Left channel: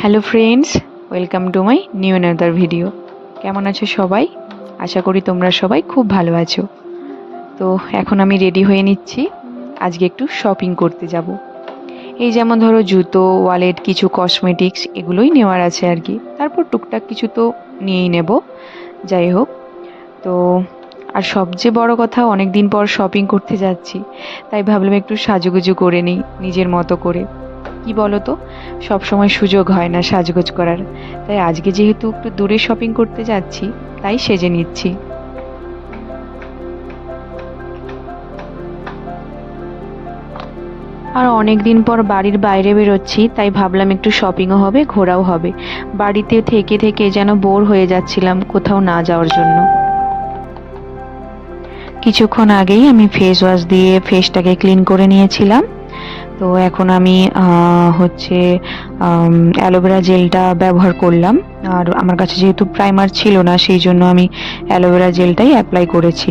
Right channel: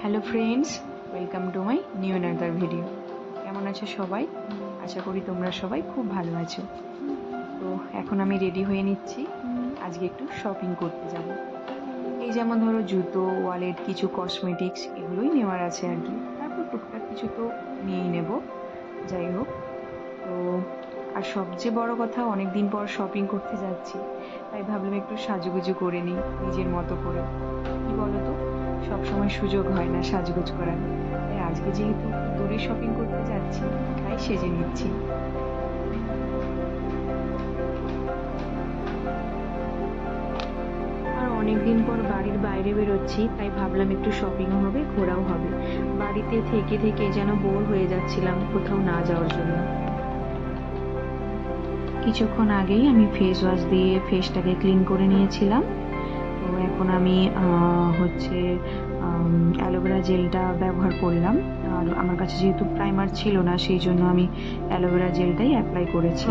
Hello friends, welcome to my new another video. কেমন আছো সবাই? আশা করি তোমরা সবাই খুব ভালো আছো। তো এখন আমি রেডি হয়ে নিচ্ছি, আজকে একটু শপিং করতে যাব। এই যেমন ধরো জুতো, ওয়ালেট, কিছু কসমেটিক্স এগুলোই নেওয়ার আছে আর কি। তারপর টুকটাক কিছু তো নিয়েই নেব, যাই হোক। তো আর সবচেয়ে বড় কথা, অনেক দিন পর শপিং করতে যাচ্ছি, তাই ভাবলাম একটু সাজুগুজু করে নিই নিজের মতো করে। কি বলো তো, সব সময় সুযোগ হয় না সাজগোজ করার, তাই আজকে যেহেতু একটু দূরে শপিং করতে যাচ্ছি, তাই সেজে নিচ্ছি। আর অনেক দিন পর বাড়ির বাইরে বেরোচ্ছি, তাই ভাবলাম একটু শপিংও হবে, ঘোরাও হবে। বাড়িতে থেকে থেকে যেন বোর হয়ে যাচ্ছিলাম কোথাও না যাওয়ার জন্য। কিছুক্ষণ আগেই আমি ফেস ওয়াশ দিয়ে ফেসটাকে ক্লিন করে নিয়েছিলাম। তো এখন আমি হচ্ছে অ্যালোভেরা জেলটা ব্যবহার করলাম। আর আমার কাছে যেহেতু প্রাইমার ছিল না, সেই জন্য আমি অ্যালোভেরা জেলটাই অ্যাপ্লাই করেছি।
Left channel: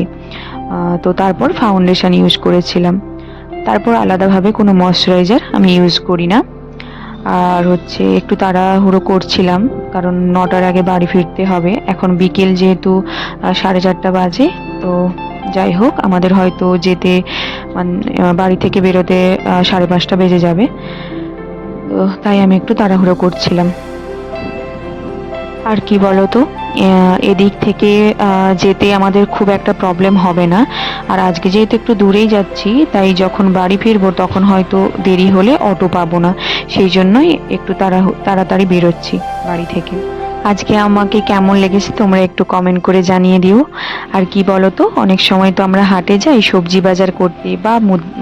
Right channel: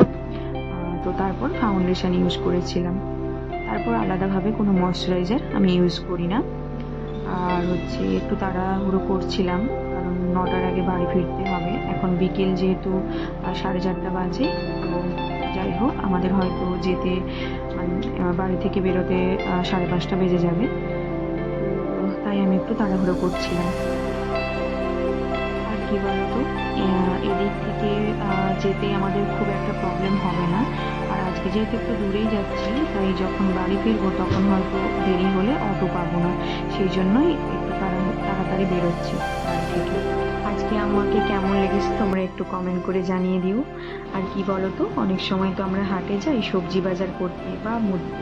তো তারপর ফাউন্ডেশন ইউজ করেছিলাম। তারপর আলাদাভাবে কোনো ময়শ্চারাইজার আমি ইউজ করি না। আর হচ্ছে একটু তাড়াহুড়ো করছিলাম, কারণ 9টার আগে বাড়ি ফিরতে হবে। এখন বিকেল যেহেতু 4:30 বাজে। তো যাই হোক, আমাদের হয়তো যেতে মানে বাড়ি থেকে বেরোতে 5:30 বেজে যাবে। তো তাই আমি একটু তাড়াহুড়ো করছিলাম। আর কি বলতো, এদিক থেকে যেতে আমাদের খুব একটা প্রবলেম হবে না। আর আজকে যেহেতু একটু দূরেই যাচ্ছি, তাই যখন বাড়ি ফিরবো তখন হয়তো দেরি হলে অটো পাবো না। সেই জন্যই একটু তাড়াতাড়ি বেরোচ্ছি বাড়ি থেকে। আজকে আমাকে কেমন লেগেছে তোমরা একটু কমেন্ট করে জানিয়ে দিও। আর কি বলতো, অনেক সময় তো আমরা হাটে যাই সবজি বাজার করতে বা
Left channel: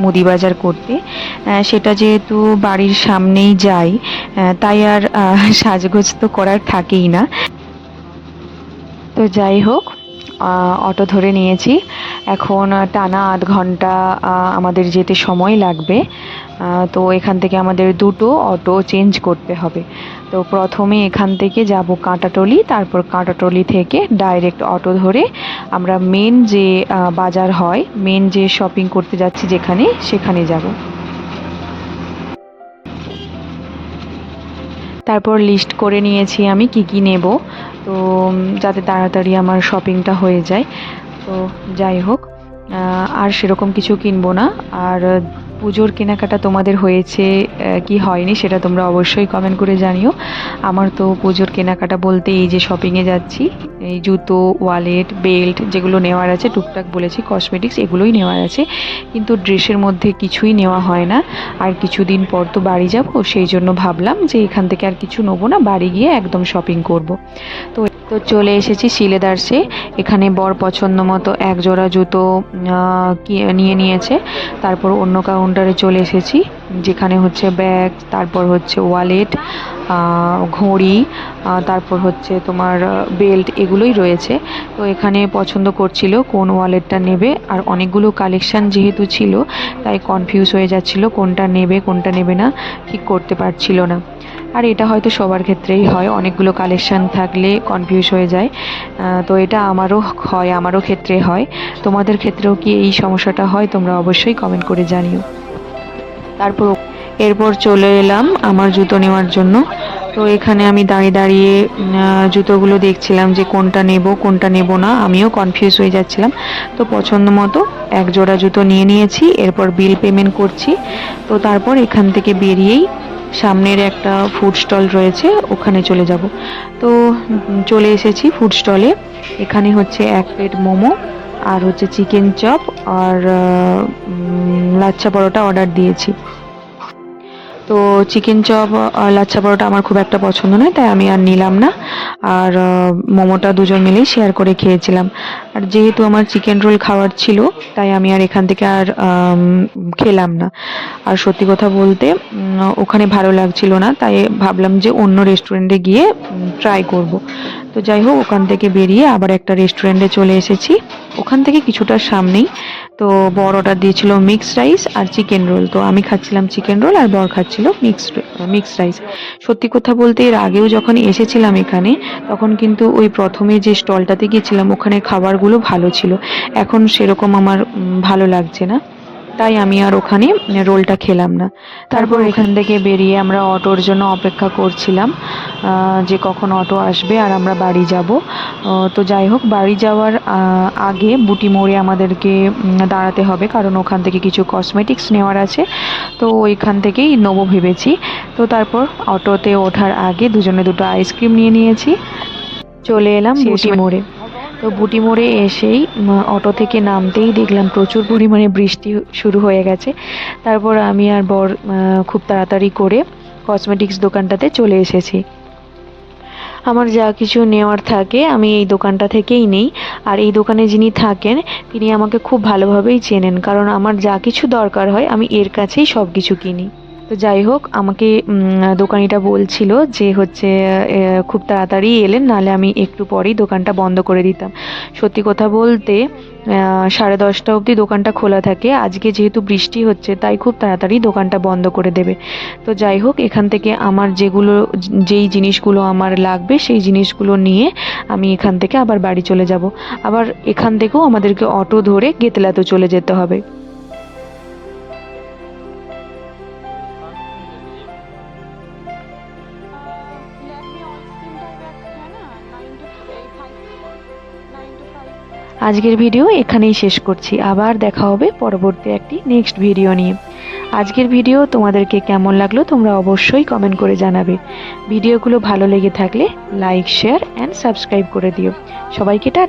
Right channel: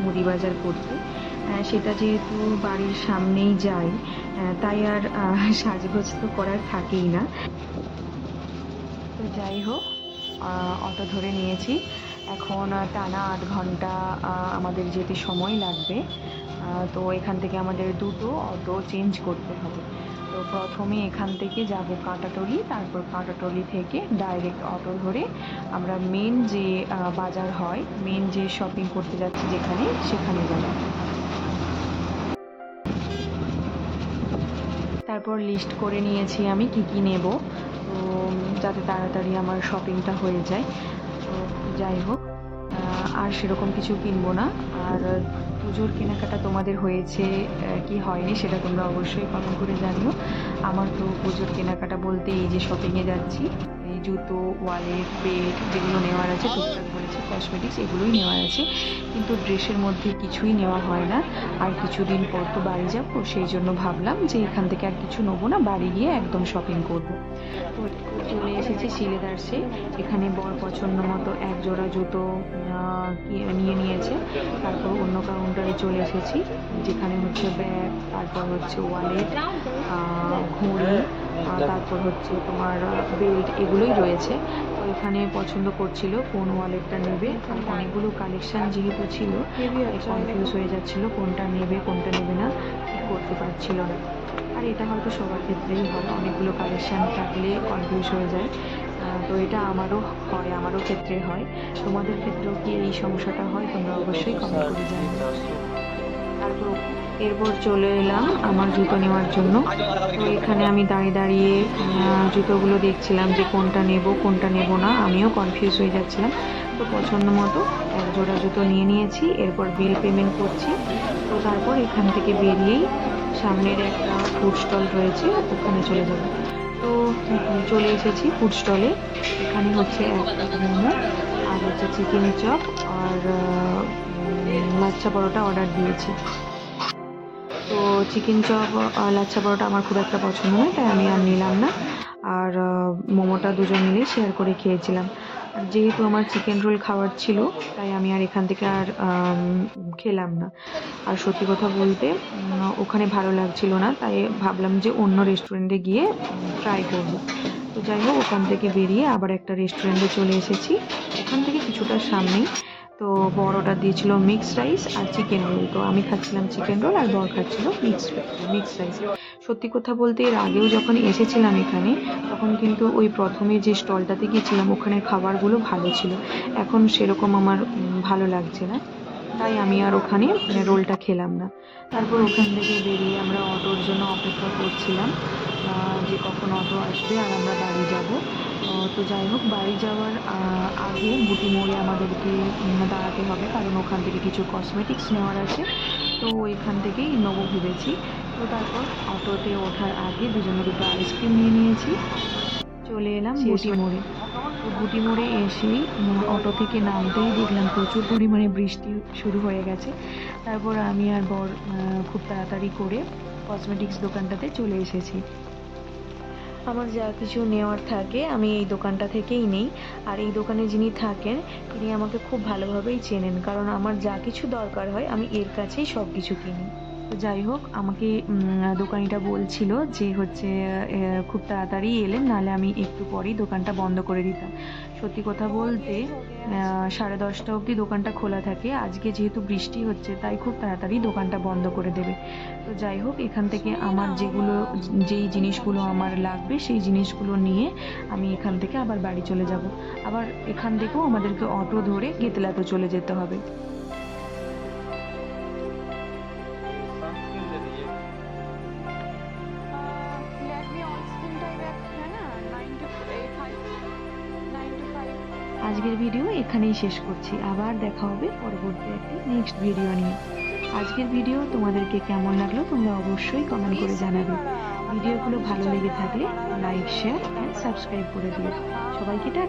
মুদি বাজার করতে। সেটা যেহেতু বাড়ির সামনেই যাই, তাই আর সাজগোজ তো করার থাকেই না। তো যাই হোক, অটো ধরে নিয়েছি। এখন টানা 8 ঘন্টা আমাদের যেতে সময় লাগবে। তো এখান থেকে আমাদের দুটো অটো চেঞ্জ করতে হবে। তো প্রথমে এখান থেকে যাব কাঁটাতলি, তারপর কাঁটাতলি থেকে ডাইরেক্ট অটো ধরে আমরা মেন যে বাজার হয়, মেন যে শপিং করতে যাচ্ছি যেখানে, সেখানে যাব। তারপর লিস্ট করে নিয়েছি আমি কি কি নেব, তো যাতে তাড়াতাড়ি আমার শপিংটা হয়ে যায়। তো যাই হোক, আর সেরকম কিছু কিনবো না। আর পুজোর কেনাকাটা তোমাদের হয়েছে কি হয়নি সেটা তোমরা অবশ্যই কমেন্ট করে জানিও। আমার তো পুজোর কেনাকাটা বলতে এই যে শপিংয়ে যাচ্ছি, এই জুতো, ওয়ালেট, বেল্ট যেগুলো নেওয়ার আছে, টুকটাক বলেছি কসমেটিক্স এগুলোই নেওয়ার আছে, কিন্তু ড্রেসের মধ্যে কিছুই নেওয়া হয় না। আর কিছুদিন পর তো বাড়ি যাব, সেই জন্য ভাবলাম যে এখান থেকে আর কিছু নেবো না, বাড়ি গিয়ে একদম শপিং করব। তো তো চলে এসেছি সিলেদার্সে। এখানে বর পছন্দ মতো এক জোড়া জুতো নিয়ে নিয়েছে। তারপর অন্য কাউন্টারে চলে এসেছি, যেখানে হচ্ছে ব্যাগ, তারপর হচ্ছে ওয়ালেট, ঘড়ি, তারপর হচ্ছে তোমার বেল্ট এগুলোই রয়েছে। তো এখানে পছন্দ করছিল কোন ওয়ালেটটা নেবে, আর অনেকগুলো কালেকশান যেহেতু ছিল, তাই কনফিউজ হয়ে যাচ্ছিল কোনটা নেবে কোনটা নেবে না, ঠিক করতে পারছিল না। আর এটা হয়তো সবার ক্ষেত্রেই হয়, অনেকগুলো কালেকশান থাকলে কনফিউজ হয়ে যায়। তো এটা আমারও ক্ষেত্রে হয়। তোমাদের ক্ষেত্রেও কি এই সমস্যাটা হয়? তোমরা অবশ্যই কমেন্ট করে জানিও। তারপর এরপর চলে এলাম আমার জুতো নেওয়ার জন্য। তো এখানে আমি দাঁড়িয়ে দাঁড়িয়ে জুতোগুলো দেখছিলাম যে কোনটা নেব কোনটা নেব না, আমিও কনফিউজ হয়ে যাচ্ছিলাম। তো পছন্দ মতো এক জোড়া জুতো নিয়ে নিয়েছি, এরপর বিল পেমেন্ট করছি। তো তারপর এখান থেকে বেরিয়েই সামনের একটা ফুড স্টল রয়েছে, ওখানে চলে যাব। তো চলে এসেছি ফুড স্টলে। এখানে হচ্ছে 1 প্লেট মোমো, আর হচ্ছে চিকেন চপ, আর লাচ্ছা পরোটা অর্ডার দিয়েছি। তো চিকেন চপ আর লাচ্ছা পরোটা আমার খুব একটা পছন্দ নয়, তাই আমি আর নিলাম না। আর মোমোটা দুজন মিলেই শেয়ার করে খেয়েছিলাম। আর যেহেতু আমার চিকেন রোল খাওয়ার ছিল, তাই আমি আর এখান থেকে আর খেলাম না। আর সত্যি কথা বলতে ওখানে ভালো লাগছিল না, তাই ভাবলাম যে অন্য রেস্টুরেন্টে গিয়ে ট্রাই করব। তো যাই হোক, ওখান থেকে বেরিয়ে আবার একটা রেস্টুরেন্টে চলে এসেছি, ওখান থেকে কিছুটা সামনেই। তো বর অর্ডার দিয়েছিল মিক্সড রাইস আর চিকেন রোল, তো আমি খাচ্ছিলাম চিকেন রোল আর বর খাচ্ছিল মিক্সড রাইস। সত্যি কথা বলতে এর আগেও যখন এসেছিলাম এখানে, তখন কিন্তু ওই প্রথমে যে স্টলটাতে গিয়েছিলাম ওখানে খাবারগুলো ভালো ছিল। এখন সেরকম আমার ভালো লাগছে না। তাই আমি আর ওখানে রোলটা খেলাম না। তারপর এখান থেকে বেরিয়ে আমরা অটোর জন্য অপেক্ষা করছিলাম যে কখন অটো আসবে আর আমরা বাড়ি যাব। তো যাই হোক, বাড়ি যাওয়ার আগে বুটি মোড়ে আমাদেরকে দাঁড়াতে হবে, কারণ ওখান থেকে কিছু কসমেটিক্স নেওয়ার আছে। তো ওইখান থেকেই নেবো ভেবেছি। তো তারপর অটোতে ওঠার আগে দুজনে দুটো আইসক্রিম নিয়ে নিয়েছি। চলে এলাম বুটি মোড়ে। তো বুটি মোড়ে এসেই অটো থেকে নামতেই দেখলাম প্রচুর পরিমাণে বৃষ্টি শুরু হয়ে গেছে। তারপর আমি আর বর খুব তাড়াতাড়ি করে কসমেটিক্স দোকানটাতে চলে এসেছি। আমার যা কিছু নেওয়ার থাকে আমি এই দোকানটা থেকেই নেই। আর এই দোকানে যিনি থাকেন তিনি আমাকে খুব ভালোভাবেই চেনেন, কারণ আমার যা কিছু দরকার হয় আমি এর কাছেই সব কিছু কিনি। তো যাই হোক, আমাকে দোকানিটা বলছিল যে হচ্ছে খুব তাড়াতাড়ি এলেন, নাহলে আমি একটু পরেই দোকানটা বন্ধ করে দিতাম। সত্যি কথা বলতে 10:30 অবধি দোকানটা খোলা থাকে। আজকে যেহেতু বৃষ্টি হচ্ছে তাই খুব তাড়াতাড়ি দোকানটা বন্ধ করে দেবে। তো যাই হোক, এখান থেকে আমার যেই জিনিসগুলো আমার লাগবে সেই জিনিসগুলো নিয়ে আমি এখান থেকে আবার বাড়ি চলে যাব। আবার এখান থেকেও আমাদেরকে অটো ধরে গেতলাতে চলে যেতে হবে। আজকের ভিডিও এখানেই শেষ করছি। আবার দেখা হবে পরবর্তী একটি নেক্সট ভিডিও নিয়ে। আজকের ভিডিও তোমাদেরকে কেমন লাগলো তোমরা অবশ্যই কমেন্ট করে জানাবে। ভিডিওগুলো ভালো লেগে থাকলে লাইক, শেয়ার অ্যান্ড সাবস্ক্রাইব করে দিও। সবাইকে টাটা।